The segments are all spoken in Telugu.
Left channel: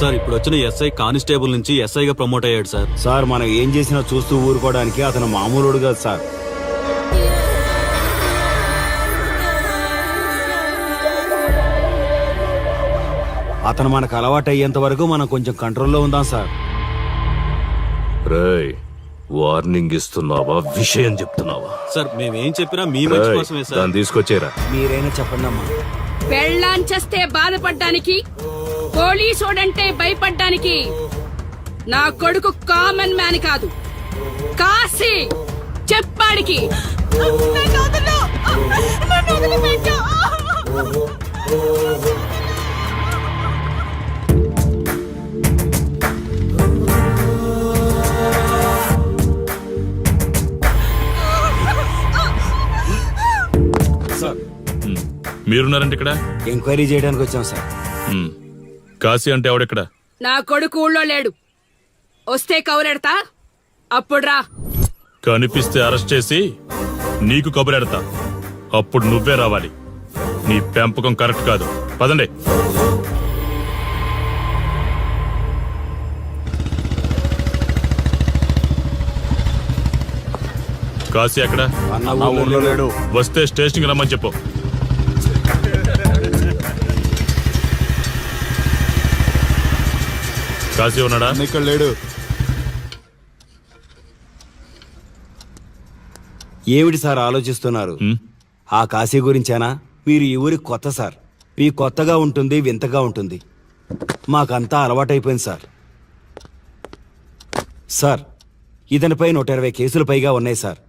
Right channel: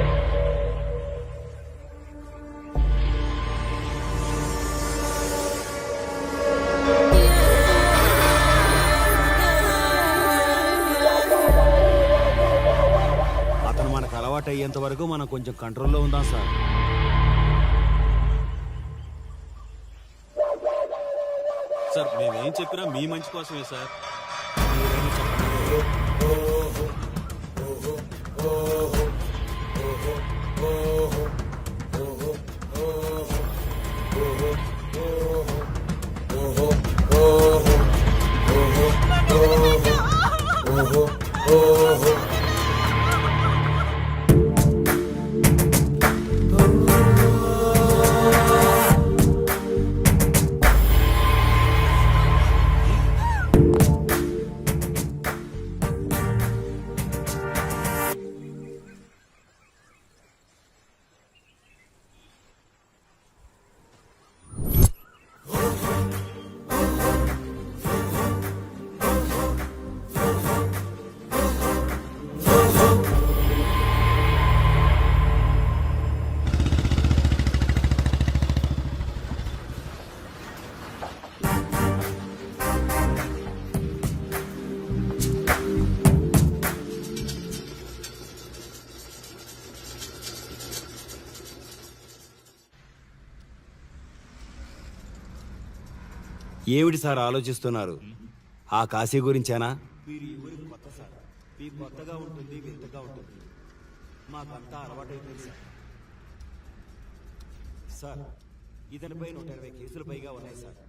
సార్ ఇప్పుడు వచ్చిన ఎస్ఐ కానిస్టేబుల్ నుంచి ఎస్ఐగా ప్రమోట్ అయ్యాడు సార్. సార్ మనం ఏం చేసినా చూస్తూ ఊరుకోవడానికి అతను మామూలుడు కాదు సార్. అతను మనకు అలవాటు అయ్యేంత వరకు మనం కొంచెం కంట్రోల్లో ఉందాం సార్. రేయ్, వార్నింగ్ ఇస్తున్నావా విషయం చెప్తున్నావా? సార్ మేమేం చెప్పినా మీ మంచి కోసమే సార్. దాన్ని తీసుకొచ్చేరా. మీరైనా చెప్పండి అమ్మా. పెళ్ళాంచేస్తే బాధపడ్డానికి, పోలీసోడంటే భయపడ్డానికి నా కొడుకు కామన్ మ్యాన్ కాదు, కాశీ చెప్పాడికి. మీరున్నారంటే ఇక్కడ ఎంక్వైరీ చేయడానికి వచ్చాం సార్. కాశీ అంటే ఎవడెక్కడ? నా కొడుకు ఊళ్ళో లేడు. వస్తే కౌరెడతా, అప్పుడు రా. కనిపిస్తే అరెస్ట్ చేసి నీకు కబురెడతా, అప్పుడు నువ్వే రావాలి. నీ పెంపకం కరెక్ట్ కాదు. పదండి. కాశీ ఎక్కడ? వస్తే స్టేషన్కి రమ్మని చెప్పు. కాశీ ఉన్నాడా? ఇక్కడ లేడు. ఏమిటి సార్ ఆలోచిస్తున్నారు? ఆ కాశీ గురించేనా? మీరు ఈ ఊరికి కొత్త సార్. మీ కొత్తగా ఉంటుంది, వింతగా ఉంటుంది. మాకంతా అలవాటైపోయింది సార్. సార్, ఇతనిపై 120 కేసులు పైగా ఉన్నాయి సార్.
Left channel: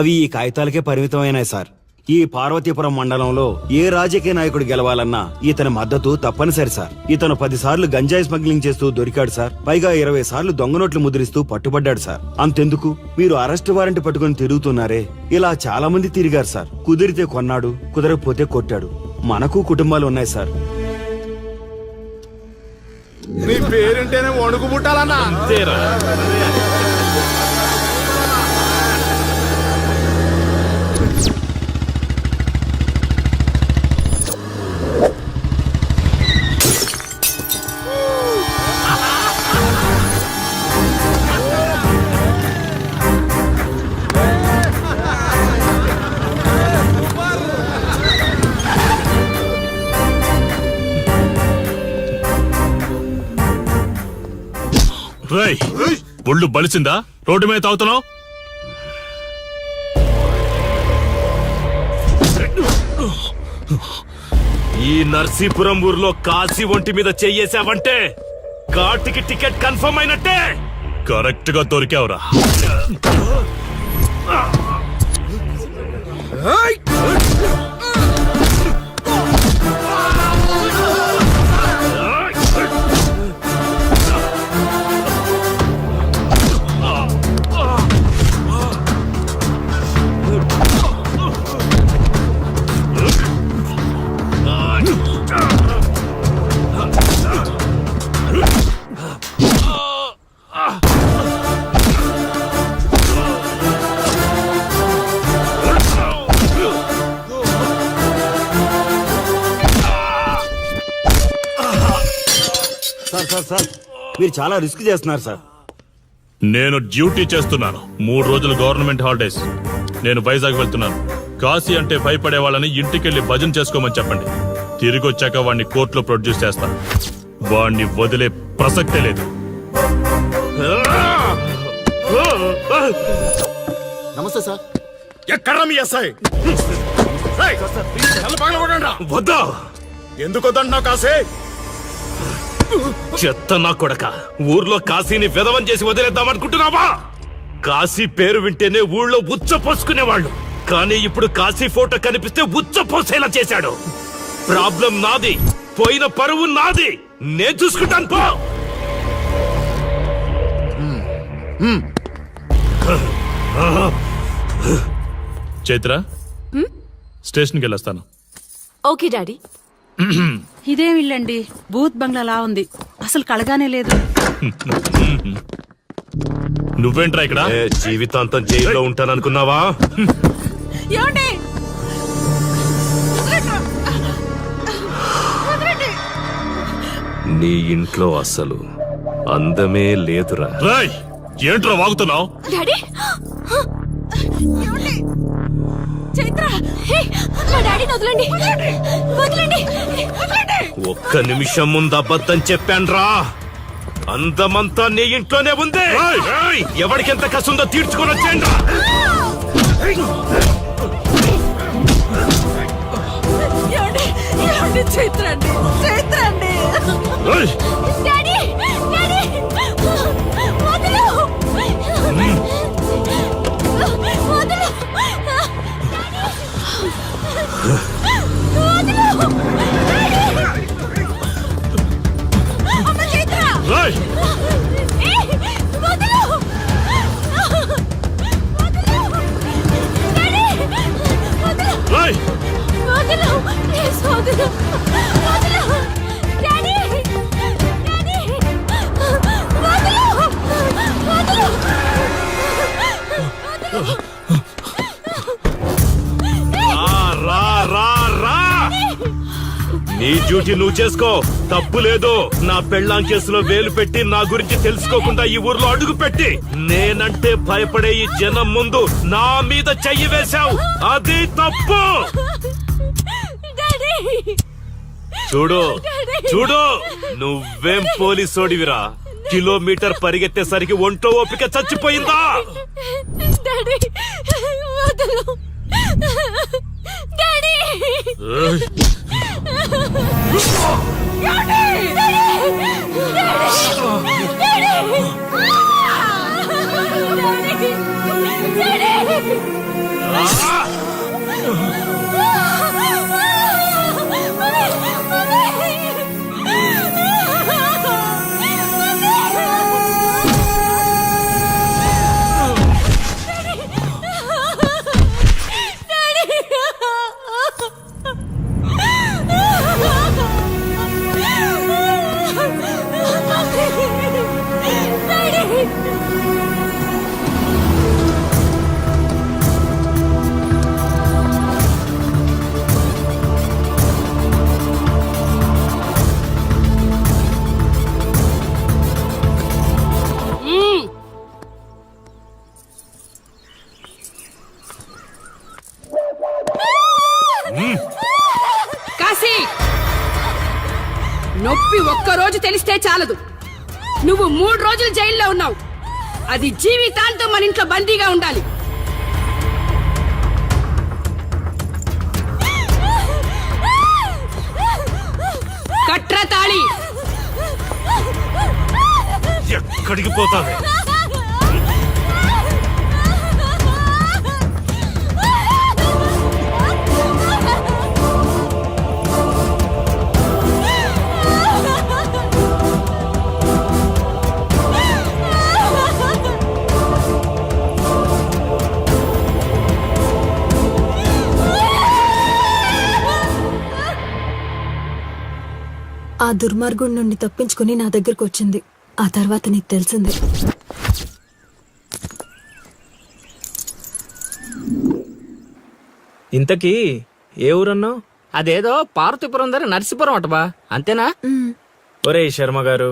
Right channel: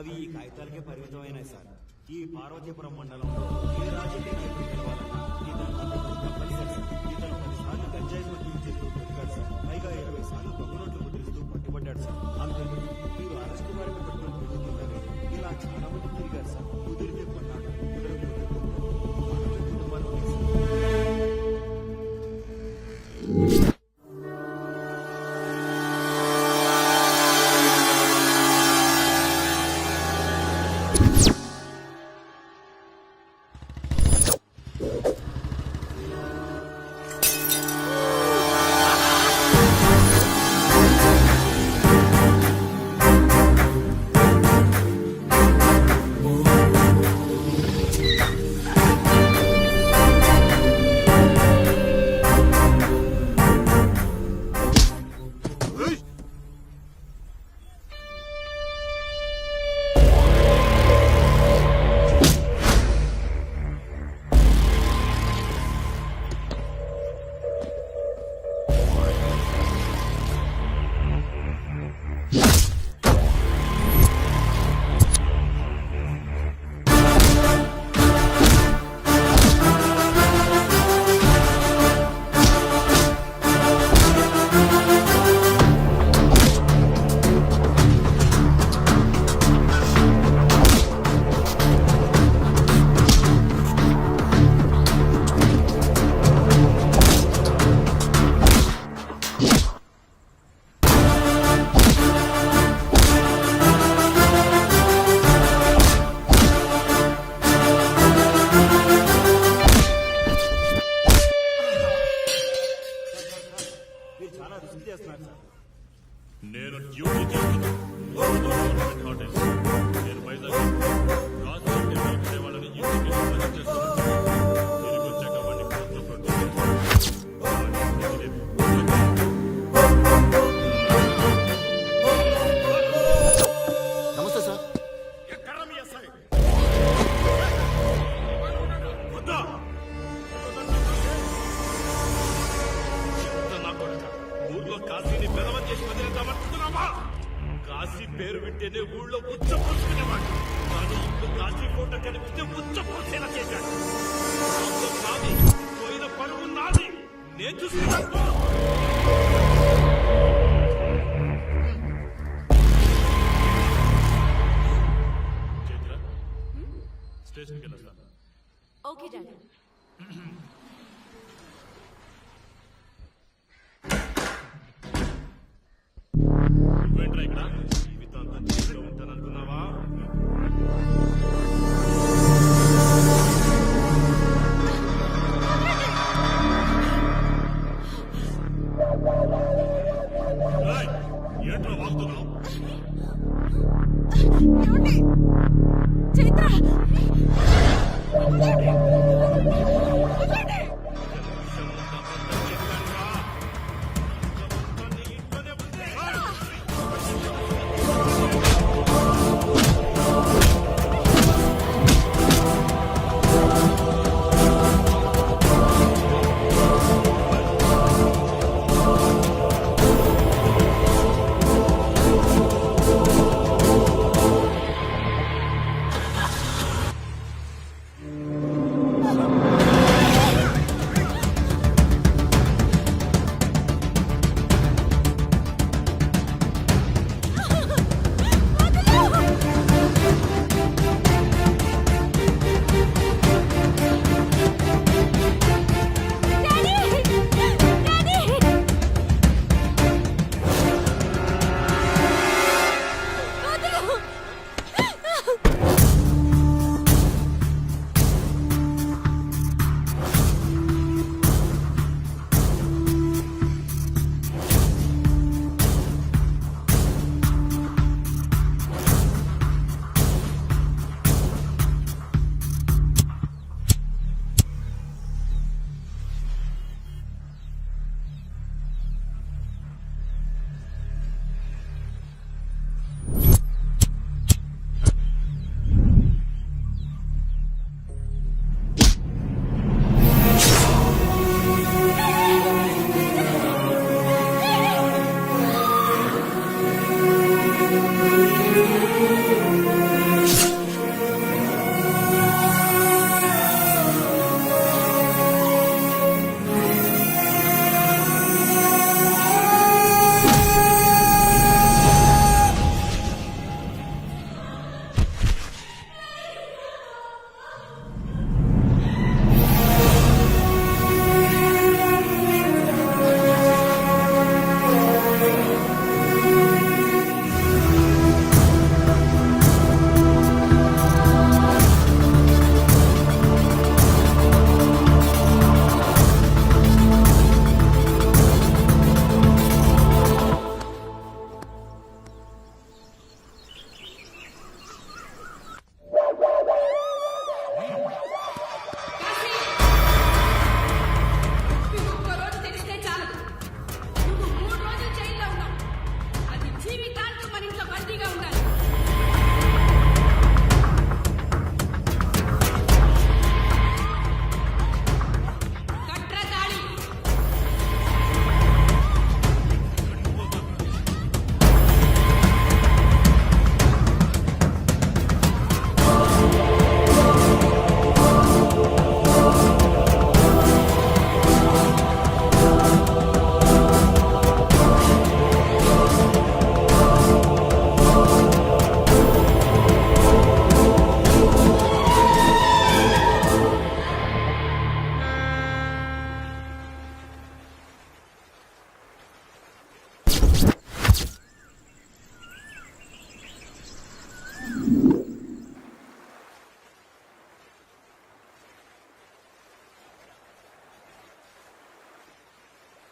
అవి ఈ కాగితాలకే పరిమితమైనాయి సార్. ఈ పార్వతీపురం మండలంలో ఏ రాజకీయ నాయకుడు గెలవాలన్నా ఇతని మద్దతు తప్పనిసరి సార్. ఇతను 10 సార్లు గంజాయి స్మగ్లింగ్ చేస్తూ దొరికాడు సార్. పైగా 20 సార్లు దొంగ నోట్లు ముద్రిస్తూ పట్టుబడ్డాడు సార్. అంతెందుకు, మీరు అరెస్ట్ వారెంట్ పట్టుకుని తిరుగుతున్నారే, ఇలా చాలా మంది తిరిగారు సార్. కుదిరితే కొన్నాడు, కుదరకపోతే కొట్టాడు. మనకు కుటుంబాలు ఉన్నాయి సార్. నీ పేరుంటేనే వణుకు పుట్టాలన్నా. ఒళ్ళు బలిసిందా? రోడ్డు మీద తాగుతున్నావు? ఈ నర్సీపురం ఊర్లో కాశీ ఒంటి మీద చెయ్యేసావంటే ఘాటికి టికెట్ కన్ఫర్మ్ అయినట్టే. కరెక్ట్ గా దొరికావురా. సార్, మీరు చాలా రిస్క్ చేస్తున్నారు సార్. నేను డ్యూటీ చేస్తున్నాను. 3 రోజులు గవర్నమెంట్ హాలిడేస్. నేను వైజాగ్ వెళ్తున్నాను. కాశీ అంటే భయపడే వాళ్ళని ఇంటికెళ్ళి భజన చేసుకోమని చెప్పండి. తిరిగి వచ్చాక వాడిని కోర్టులో ప్రొడ్యూస్ చేస్తాను. వాడిని వదిలే ప్రసక్తే లేదు. నమస్తే సార్. ఎక్కడ మీ ఎస్ఐ? వద్దా? ఎందుకు వద్దంటున్నావు కాశీ? చెత్త నా కొడక, ఊర్లో కాశీని విధవం చేసి వదిలేద్దామనుకుంటున్నావా? కాశీ పేరు వింటేనే ఊళ్ళో ఉచ్చ పోసుకునేవాళ్ళు, కానీ ఇప్పుడు కాశీ ఫోటో కనిపిస్తే ఉచ్చ పోసేలా చేశాడు. ప్రాబ్లం నాది, పోయిన పరువు నాది. నేను చూసుకుంటాను పో. చైత్ర, స్టేషన్కి వెళ్ళొస్తాను. Okay daddy. ఇదేం ఇల్లండి, బూత్ బంగ్లాలా ఉంది. అసలు కళగానే లేదు. నువ్వేంట్రా ఇక్కడ? జీవితాంతం జైల్లో ఉంటాననుకున్నావా? నీ ఇంట్లో అసలు అందమే లేదురా. రాయ్ ఏంట్రా వాగుతున్నావు? డాడీ ఏమండి? చైత్ర హే, మా డాడీని వదలండి వదలండి వదలండి. ఒక్క నిమిషం ముందు అబద్ధం చెప్పాన్రా. అందమంతా నీ ఇంట్లోనే ఉంది. ఏయ్, ఎవరికి ఎంత కసుందో తీర్చుకొని వచ్చేయండి. ఏమండి? ఏమండి? చైత్ర అండి చైత్ర అండి. డాడీ డాడీ వదలు నీ డ్యూటీ నువ్వు చేసుకో, తప్పు లేదు. నా పెళ్ళాం కేసులో వేలు పెట్టి నా గురించి తెలుసుకోకుండా ఈ ఊర్లో అడుగు పెట్టి నేనంటే భయపడే ఈ జనం ముందు నా మీద చెయ్యి వేశావు, అది తప్పు. చూడు చూడు, నువ్వేం పోలీసోడివిరా? కిలోమీటర్ పరిగెత్తేసరికి ఒంట్లో ఓపిక చచ్చిపోయిందా? డాడీ వదలు డాడీ కాశీ, నొప్పి ఒక్కరోజు తెలిస్తే చాలదు. నువ్వు 3 రోజులు జైల్లో ఉన్నావు. అది జీవితాంతం మన ఇంట్లో బందీగా ఉండాలి. కట్ర తాళి. ఎక్కడికి పోతాను? ఆ దుర్మార్గుడి నుండి తప్పించుకుని నా దగ్గరకు వచ్చింది. ఆ తర్వాత నీకు తెలిసింది. ఇంతకీ ఏ ఊరన్నావు? అదేదో పార్వతీపురం దగ్గర నరసీపురం అటబా, అంతేనా? ఒరే శర్మ గారు,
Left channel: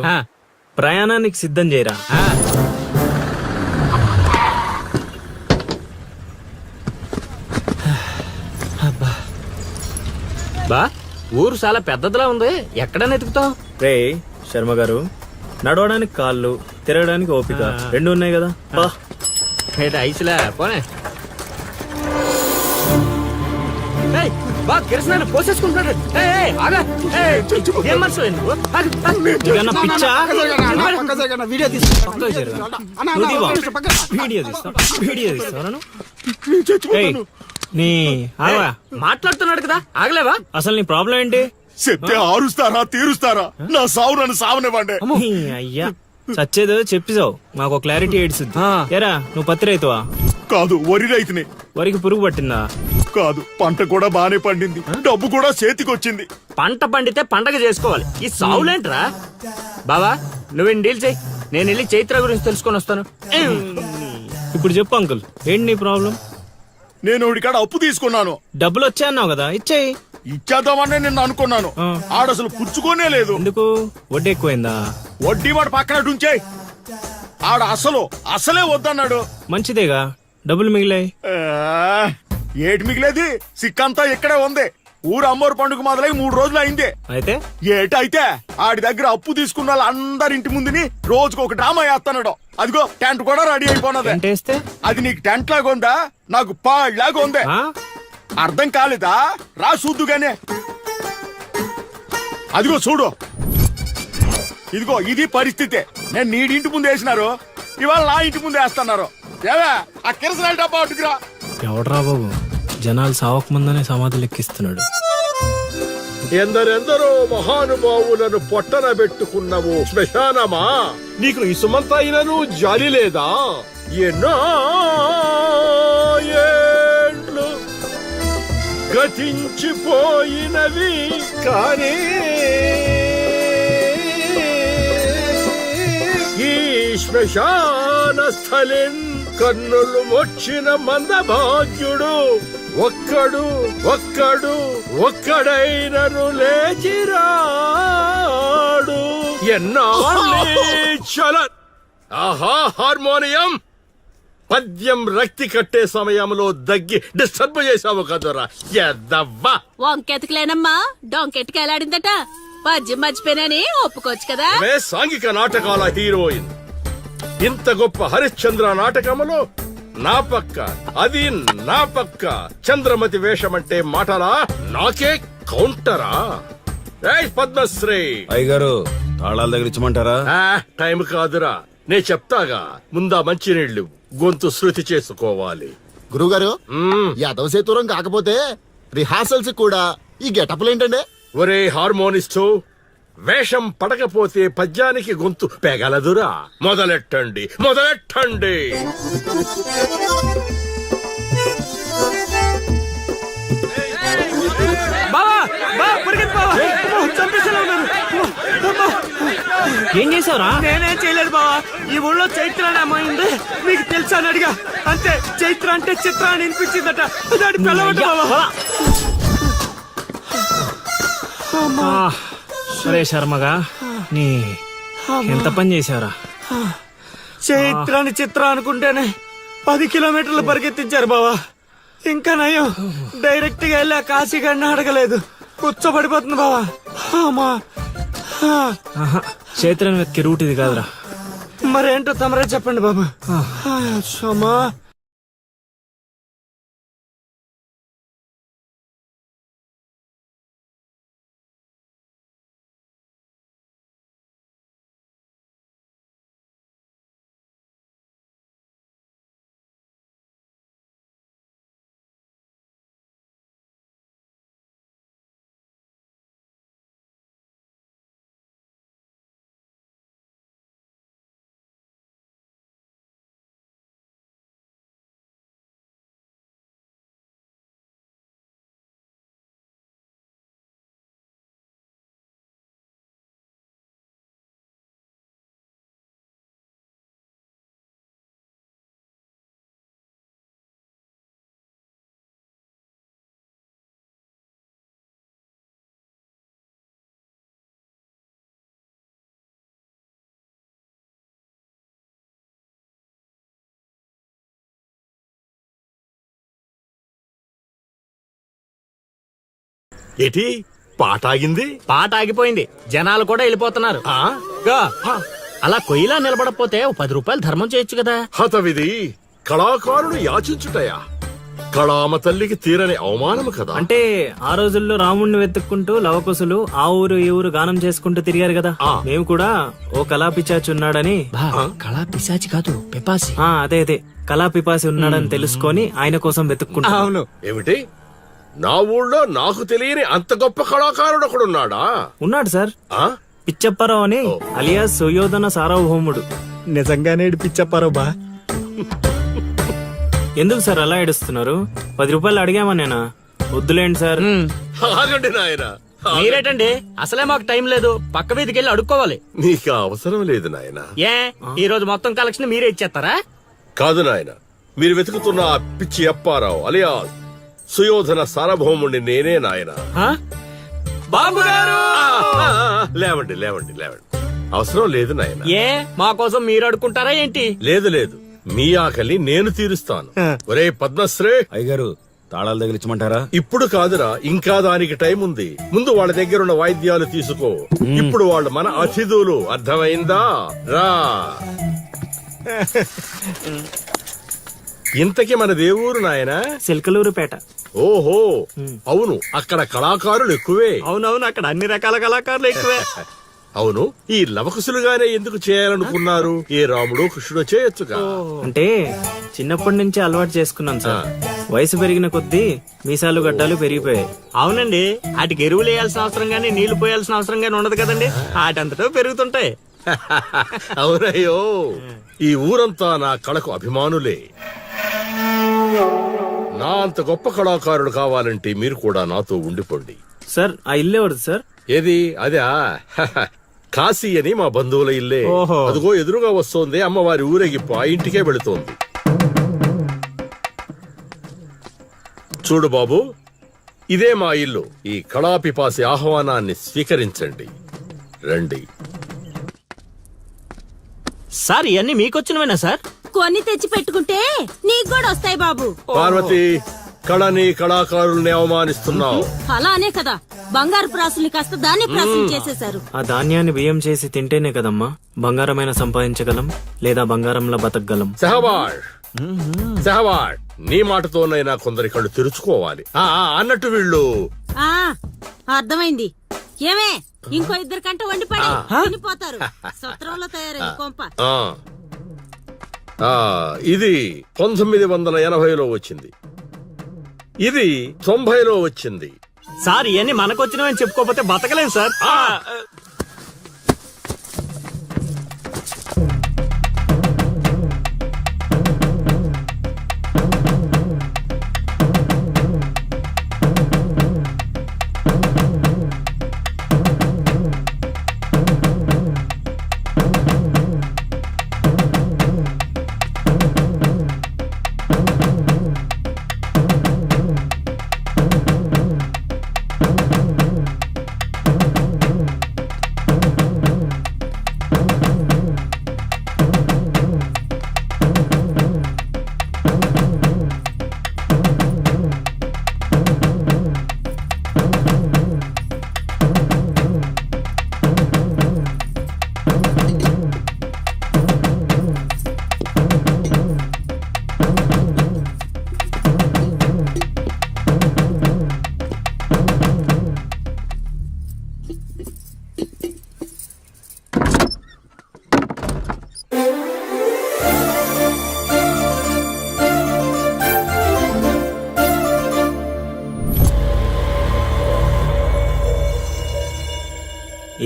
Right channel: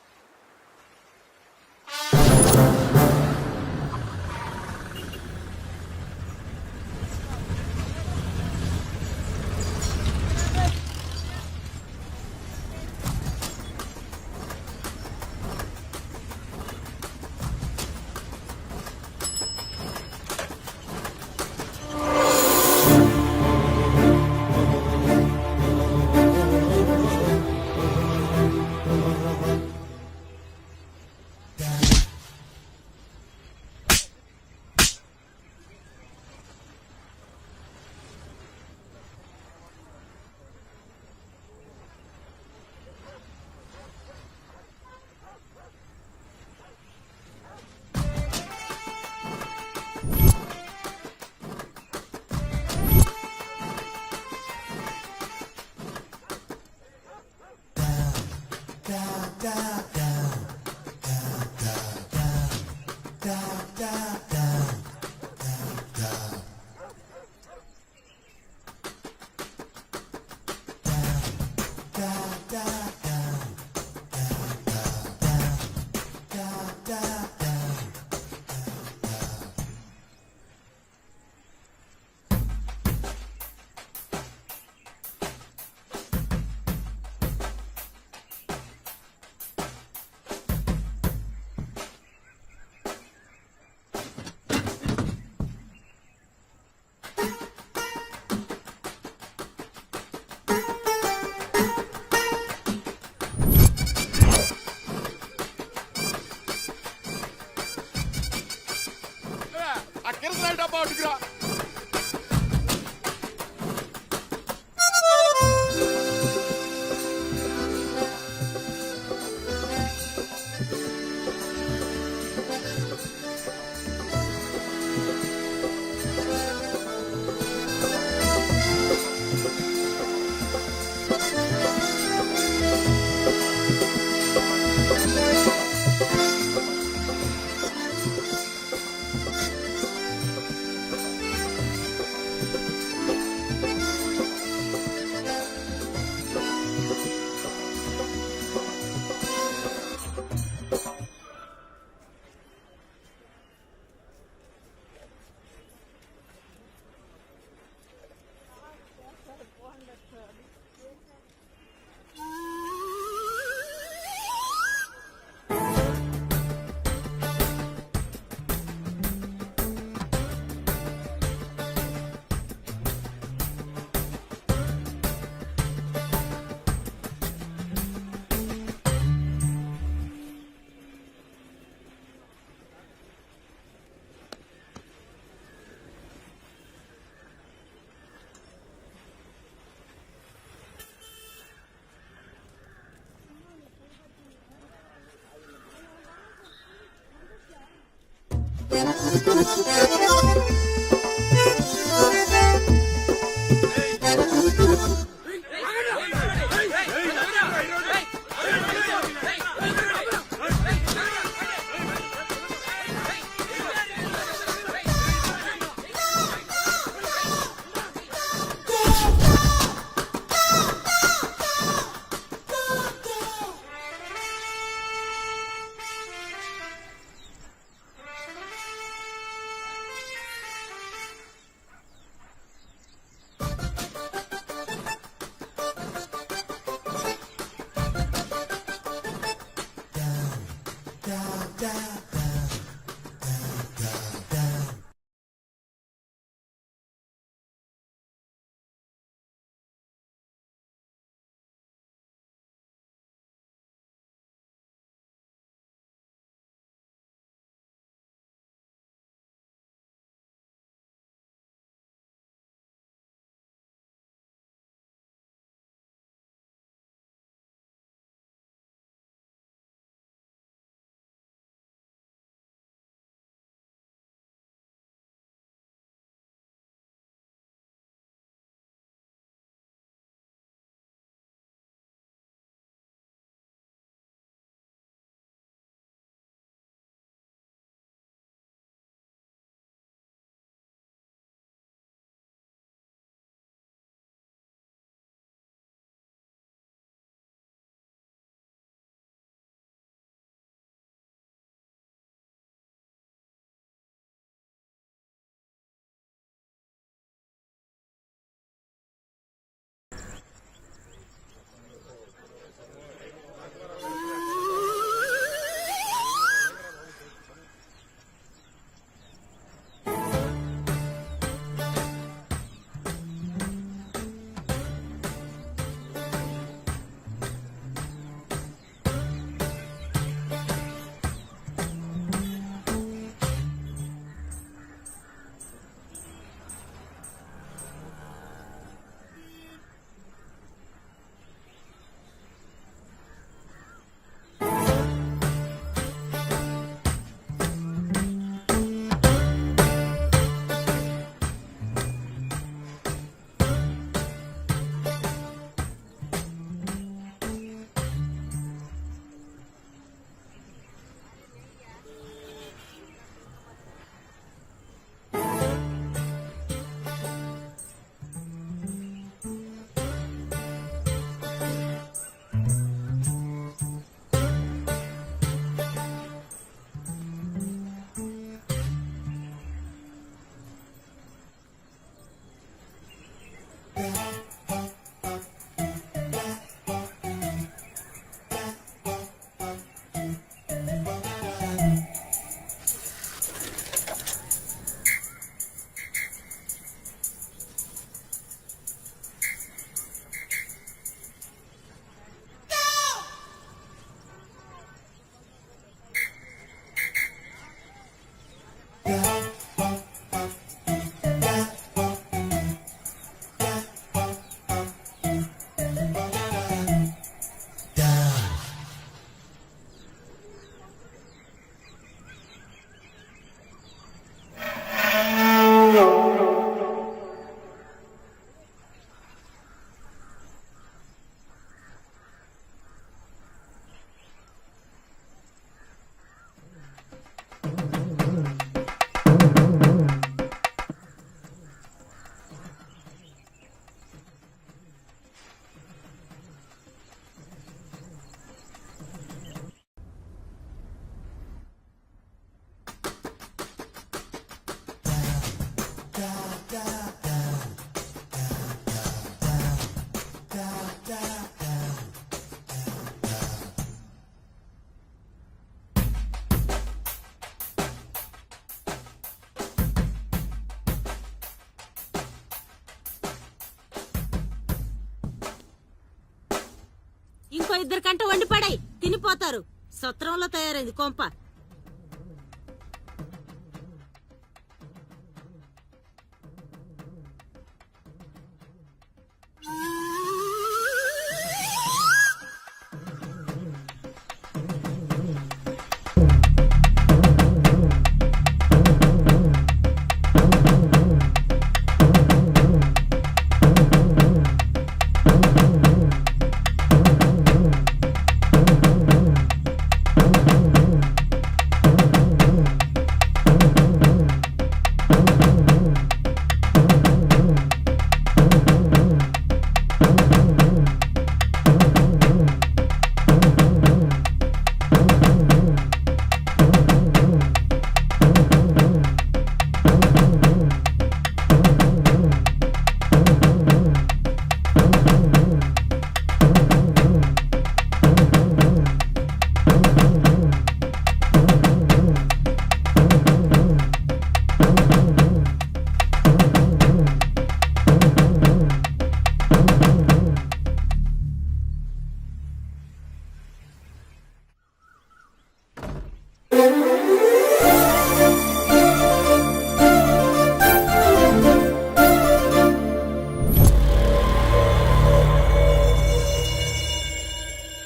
ప్రయాణానికి సిద్ధం చేయరా. బా, ఊరు చాలా పెద్దదిలా ఉంది. ఎక్కడైనా ఎతుకుతావు? రే శర్మ గారు, నడవడానికి కాళ్ళు, తిరగడానికి ఓపిక రెండు ఉన్నాయి కదా. బా ఐసులా పోనే. మాట్లాడుతున్నాడు కదా, ఆగలేవా? అసలు నీ ప్రాబ్లం ఏంటి? చెప్తే ఆరుస్తారా తీరుస్తారా? నా సావు నన్ను సావనివ్వండి. అయ్యా చచ్చేదో చెప్పిసావు, మాకు క్లారిటీ ఏడ్చింది. ఏరా నువ్వు పత్తి రైతువా? కాదు, వరి రైతుని. వరికి పురుగు పట్టిందా? కాదు, పంట కూడా బానే పండింది, డబ్బు కూడా చేతికొచ్చింది. పంట పండితే పండగ చేసుకోవాలి, ఈ సావులేంట్రా? బావా నువ్వేం డీల్ చేయి, నేను వెళ్ళి చైత్ర గురించి తెలుసుకొని వస్తాను. ఇప్పుడు చెప్పు అంకుల్, ఏంటి నీ ప్రాబ్లం? నేను ఇడికాడ అప్పు తీసుకున్నాను. డబ్బులు వచ్చాయన్నావు కదా, ఇచ్చేయి. ఇచ్చేద్దామని నిన్ను అనుకున్నాను ఆడసలు పుచ్చుకోనే లేదు. ఎందుకు వడ్డీ ఎక్కువైందా? వడ్డీ వాడు పక్కన ఉంచే. ఆడ అసలే వద్దన్నాడు. మంచిదేగా, డబ్బులు మిగిలాయి. ఆ, ఏటి మిగిలేది? సిక్కంతా ఇక్కడే ఉంది. ఊరు అమ్మోరు పండుగ మొదలై 3 రోజులు అయింది. అయితే ఏటైతే ఆడి దగ్గర అప్పు తీసుకున్న వాళ్ళు అందరి ఇంటి ముందుని రోజుకు ఒక డ్రామా వేస్తున్నాడు. అదిగో టెంట్ కూడా రెడీ అయిపోయినది. టెంటేస్తే అది నీకు టెంట్ లాగా ఉందా, నాకు పాళ్ళలాగా ఉంది. ఆ? అర్థం కాలేదా? రా చూద్దుగానే. అదిగో చూడు, ఇదిగో ఇది పరిస్థితి. నేను నీడింటి ముందు వేసినారు, ఇవాళ నా ఇంటి ముందు వేస్తున్నారు. ఏవే ఆ కిరసనాయిల డబ్బా అటుకురా. ఎవడరా బాబు, జనాలు సావక ముందనే సమాధులు ఎక్కిస్తున్నాడు. ఎందరెందరో మహానుభావులను పొట్టన పెట్టుకున్నాము శ్మశానమా, నీకు ఇసుమంతైనను జాలి లేదా? ఎన్నో ఏండ్లు గతించిపోయినవి కానీ ఈ శ్మశాన స్థలిన్ కన్నులు వచ్చిన మందభాగ్యుడు ఒక్కడైనను లేచిరాడు. చల ఆహా హార్మోనియం పద్యం రక్తి కట్టే సమయంలో దగ్గి డిస్టర్బ్ చేసావు కదరా ఎద్దవ్వా. వంకెతకలేనమ్మా డొంకెట్టుకు ఎలాడిందట. పద్యం మర్చిపోయినని ఒప్పుకోవచ్చు కదా. సాంఘిక నాటకాల హీరోయిన్ ఇంత గొప్ప హరిశ్చంద్ర నాటకములో నా పక్క అది నా పక్క చంద్రమతి వేషమంటే మాటలా, నాకే కౌంటరా? ఏయ్ పద్మశ్రీ అయ్యగారు తాళాల దగ్గర ఇచ్చమంటారా? టైం కాదురా, నే చెప్తాగా. ముందా మంచినీళ్లు గొంతు శృతి చేసుకోవాలి. గురుగారు యాదవ సేతురం కాకపోతే రిహార్సల్స్ కూడా ఈ గెటప్లు ఏంటండి? ఒరే హార్మోనిస్టు, వేషం పడకపోతే పద్యానికి గొంతు పెగలదురా. మొదలెట్టండి. ఏం చేసావురా? నేనేం చేయలేదు బావా. ఈ ఊళ్ళో చైత్ర అనే అమ్మాయి ఉంది, మీకు తెలుసా అని అడిగా. అంతే, చైత్ర అంటే చిత్ర అని వినిపించిందట. దాని పిల్లవట బావా. అరే శర్మగా, నీ ఎంత పని చేశారా? చైత్రాన్ని చిత్ర అనుకుంటేనే 10 కిలోమీటర్లు పరిగెత్తించారు బావా. ఇంకా నయం, డైరెక్ట్ గా వెళ్ళా కాశీగాడిని అడగలేదు. కూర్చోబడిపోతుంది బావా. అమ్మా, చైత్రని వెతికి రూట్ ఇది కాదురా. మరేంటో తమరే చెప్పండి బాబా. అమ్మా, ఏటి పాట ఆగింది? పాట ఆగిపోయింది, జనాలు కూడా వెళ్ళిపోతున్నారు. అలా కొయ్యిలా నిలబడపోతే 10 రూపాయలు ధర్మం చేయొచ్చు కదా. హతవిధి కళాకారుడు యాచించుటయా? కళామ తల్లికి తీరని అవమానము కదా. అంటే ఆ రోజుల్లో రాముణ్ణి వెతుక్కుంటూ లవకుశులు ఆ ఊరు ఈ ఊరు గానం చేసుకుంటూ తిరిగారు కదా. మేము కూడా ఓ కళా పిశాచి ఉన్నాడని. కళా పిశాచి కాదు, పిపాసి. అదే కళా పిపాసి ఉన్నాడని తెలుసుకొని ఆయన కోసం వెతుక్కుంటా. అవును. ఏమిటి, నా ఊళ్ళో నాకు తెలియని అంత గొప్ప కళాకారుడు ఒకడున్నాడా? ఉన్నాడు సార్, ఆ? పిచ్చప్పారావు అని, అలియాస్ సుయోధన సార్వభౌముడు. నిజంగానే పిచ్చప్పారో బా. ఎందుకు సార్ అలా ఏడుస్తున్నారు? 10 రూపాయలు అడిగామా నేనా? వద్దులేండి సార్. ఆగండి నాయనా. మీరేటండి, అసలే మాకు టైం లేదు. పక్క వీధికి వెళ్ళి అడుక్కోవాలి. నీకు అవసరం లేదు నాయనా. ఏ ఈ రోజు మొత్తం కలెక్షన్ మీరే ఇచ్చేస్తారా? కాదు నాయన, మీరు వెతుకుతున్న ఆ పిచ్చి అప్పారావు అలియా సుయోధన సార్వభౌముణ్ణి నేనే నాయన. బాబు గారు లేవండి లేవండి లేవండి, అవసరం లేదు నాయన. ఏ మా కోసం మీరు అడుకుంటారా ఏంటి? లేదు లేదు, మీ ఆకలి నేను తీరుస్తాను. ఒరే పద్మశ్రీ, అయ్యగారు తాళాలు తగిలించమంటారా? ఇప్పుడు కాదురా, ఇంకా దానికి టైం ఉంది. ముందు వాళ్ళ దగ్గరున్న వాయిద్యాలు తీసుకో. ఇప్పుడు వాళ్ళు మన అతిథులు, అర్థమైందా? రా. ఇంతకీ మన దేవురు నాయనా? సిల్కలూరుపేట. ఓహో, అవును, అక్కడ కళాకారులు ఎక్కువే. అవునవును, అక్కడ అన్ని రకాల కళాకారులు ఎక్కువే. అవును, ఈ లవకుశులుగానే ఎందుకు చేయాలనుకున్నారు? ఏ రాముడు కృష్ణుడు చేయొచ్చుగా. అంటే చిన్నప్పటి నుంచి అలవాటు చేసుకున్నాం సార్. వయసు పెరిగిన కొద్దీ మీసాలు గడ్డాలు పెరిగిపోయాయి. అవునండి, వాటికి ఎరువులు వేయాల్సిన అవసరం గానీ నీళ్లు పోయాల్సిన అవసరం గానీ ఉండదు కదండి. వాటంతటో పెరుగుతుంటాయి. అవునయ్యో, ఈ ఊరంతా నా కళకు అభిమానులే. నా అంత గొప్ప కళాకారుడు కావాలంటే మీరు కూడా నాతో ఉండిపోండి. సార్ ఆ ఇల్లు ఎవరిది సార్? ఏది అదా? కాశీ అని మా బంధువుల ఇల్లే. ఓహో. అదిగో ఎదురుగా వస్తోంది అమ్మవారి ఊరేగింపు, ఆ ఇంటికే వెళుతోంది. చూడు బాబు, ఇదే మా ఇల్లు. ఈ కళాపిపాసి ఆహ్వానాన్ని స్వీకరించండి. రండి. సార్ ఇవన్నీ మీకొచ్చినవేనా సార్? కొన్ని తెచ్చి పెట్టుకుంటే నీకు కూడా వస్తాయి బాబు. పార్వతి, కళని కళాకారుల్ని అవమానిస్తున్నావు. అలానే కదా బంగారు ప్రాసుల్ని కాస్త దాన్ని ప్రాసులు చేసేశారు. ఆ ధాన్యాన్ని బియ్యం చేసి తింటేనే కదమ్మా బంగారమైన సంపాదించగలం, లేదా బంగారంలో బతకగలం. సెహవాడ్ సెహవాడ్, నీ మాటతోనైనా కొందరి కళ్ళు తెరుచుకోవాలి. అన్నట్టు వీళ్ళు ఆ అర్థమైంది. ఏమే ఇంకో ఇద్దరు కంట వండి పడే తినిపోతారు. సత్రంలో తయారైంది కొంప. ఇది 1980లో వచ్చింది, ఇది 90లో వచ్చింది. సార్ ఇవన్నీ మనకొచ్చినవని చెప్పుకోకపోతే బతకలేం సార్.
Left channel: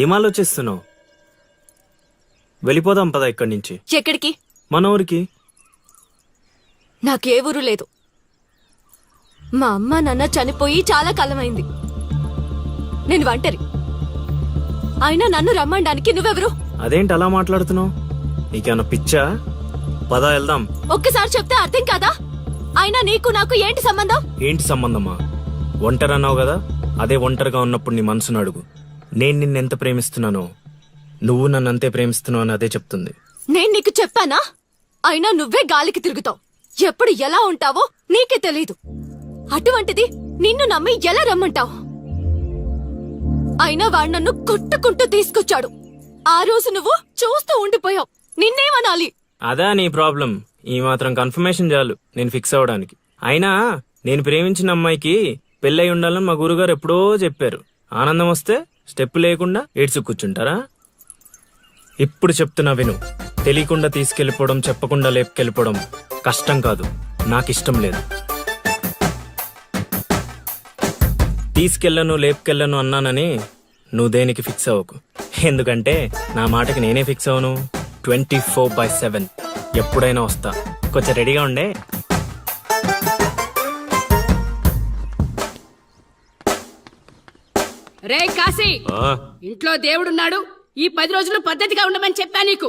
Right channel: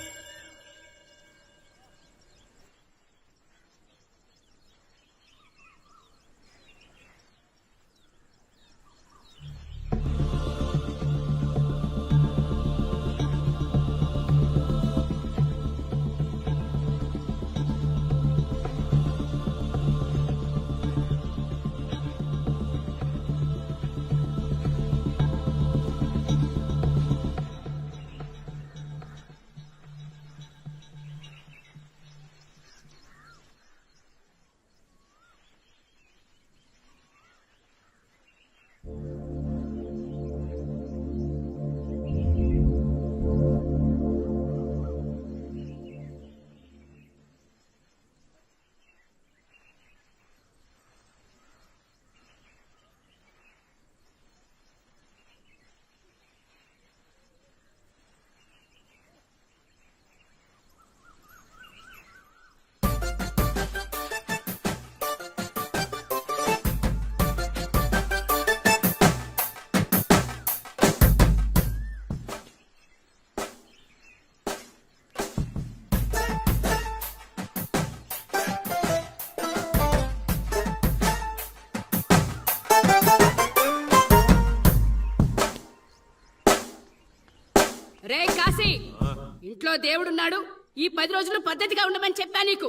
ఏం ఆలోచిస్తున్నావు? వెళ్ళిపోదాం పద ఇక్కడి నుంచి. ఎక్కడికి? మన ఊరికి. నాకే ఊరు లేదు. మా అమ్మ నాన్న చనిపోయి చాలా కాలమైంది. నేను ఒంటరి. అయినా నన్ను రమ్మడానికి నువ్వెవరు? అదేంటి అలా మాట్లాడుతున్నావు? నీకేమన్నా పిచ్చా? పద వెళ్దాం. ఒక్కసారి చెప్తే అర్థం కాదా? అయినా నీకు నాకు ఏంటి సంబంధం? ఏంటి సంబంధమా? ఒంటరి అన్నావు కదా, అదే ఒంటరిగా ఉన్నప్పుడు నీ మనసును అడుగు. నేను నిన్నెంత ప్రేమిస్తున్నానో నువ్వు నన్ను అంతే ప్రేమిస్తున్నావు అని అదే చెప్తుంది. నేను నీకు చెప్పానా? అయినా నువ్వే గాలికి తిరుగుతావు. ఎప్పుడు ఎలా ఉంటావో నీకే తెలీదు. అటువంటిది నిన్ను నమ్మి ఎలా రమ్మంటావు? అయినా వాడు నన్ను కొట్టుకుంటూ తీసుకొచ్చాడు. ఆ రోజు నువ్వు చూస్తూ ఉండిపోయావు. నిన్నేమనాలి? అదా నీ ప్రాబ్లం? ఈ మాత్రం కన్ఫర్మేషన్ చాలు నేను ఫిక్స్ అవడానికి. అయినా నేను ప్రేమించిన అమ్మాయికి పెళ్ళై ఉండాలని మా గురుగారు ఎప్పుడో చెప్పారు. ఆనందం వస్తే స్టెప్ లేకుండా ఏడ్చు కూర్చుంటారా? ఇప్పుడు చెప్తున్నా విను. తెలియకుండా తీసుకెళ్లిపోవడం, చెప్పకుండా లేపుకెళ్ళిపోవడం కష్టం కాదు, నాకిష్టం లేదు. తీసుకెళ్ళను లేపుకెళ్ళను అన్నానని నువ్వు దేనికి ఫిక్స్ అవ్వకు. ఎందుకంటే నా మాటకి నేనే ఫిక్స్ అవను. 24/7 ఎప్పుడైనా వస్తా. కొంచెం రెడీగా ఉండే. రే కాశీ, ఇంట్లో దేవుడున్నాడు. ఈ 10 రోజులు పద్ధతిగా ఉండమని చెప్పా నీకు.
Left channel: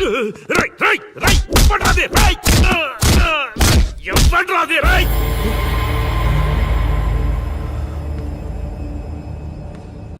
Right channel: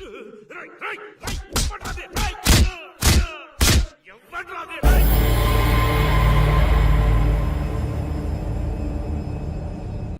రై రై రై ఇవ్వడ్రాదే రై ఇవ్వడ్రాదే రై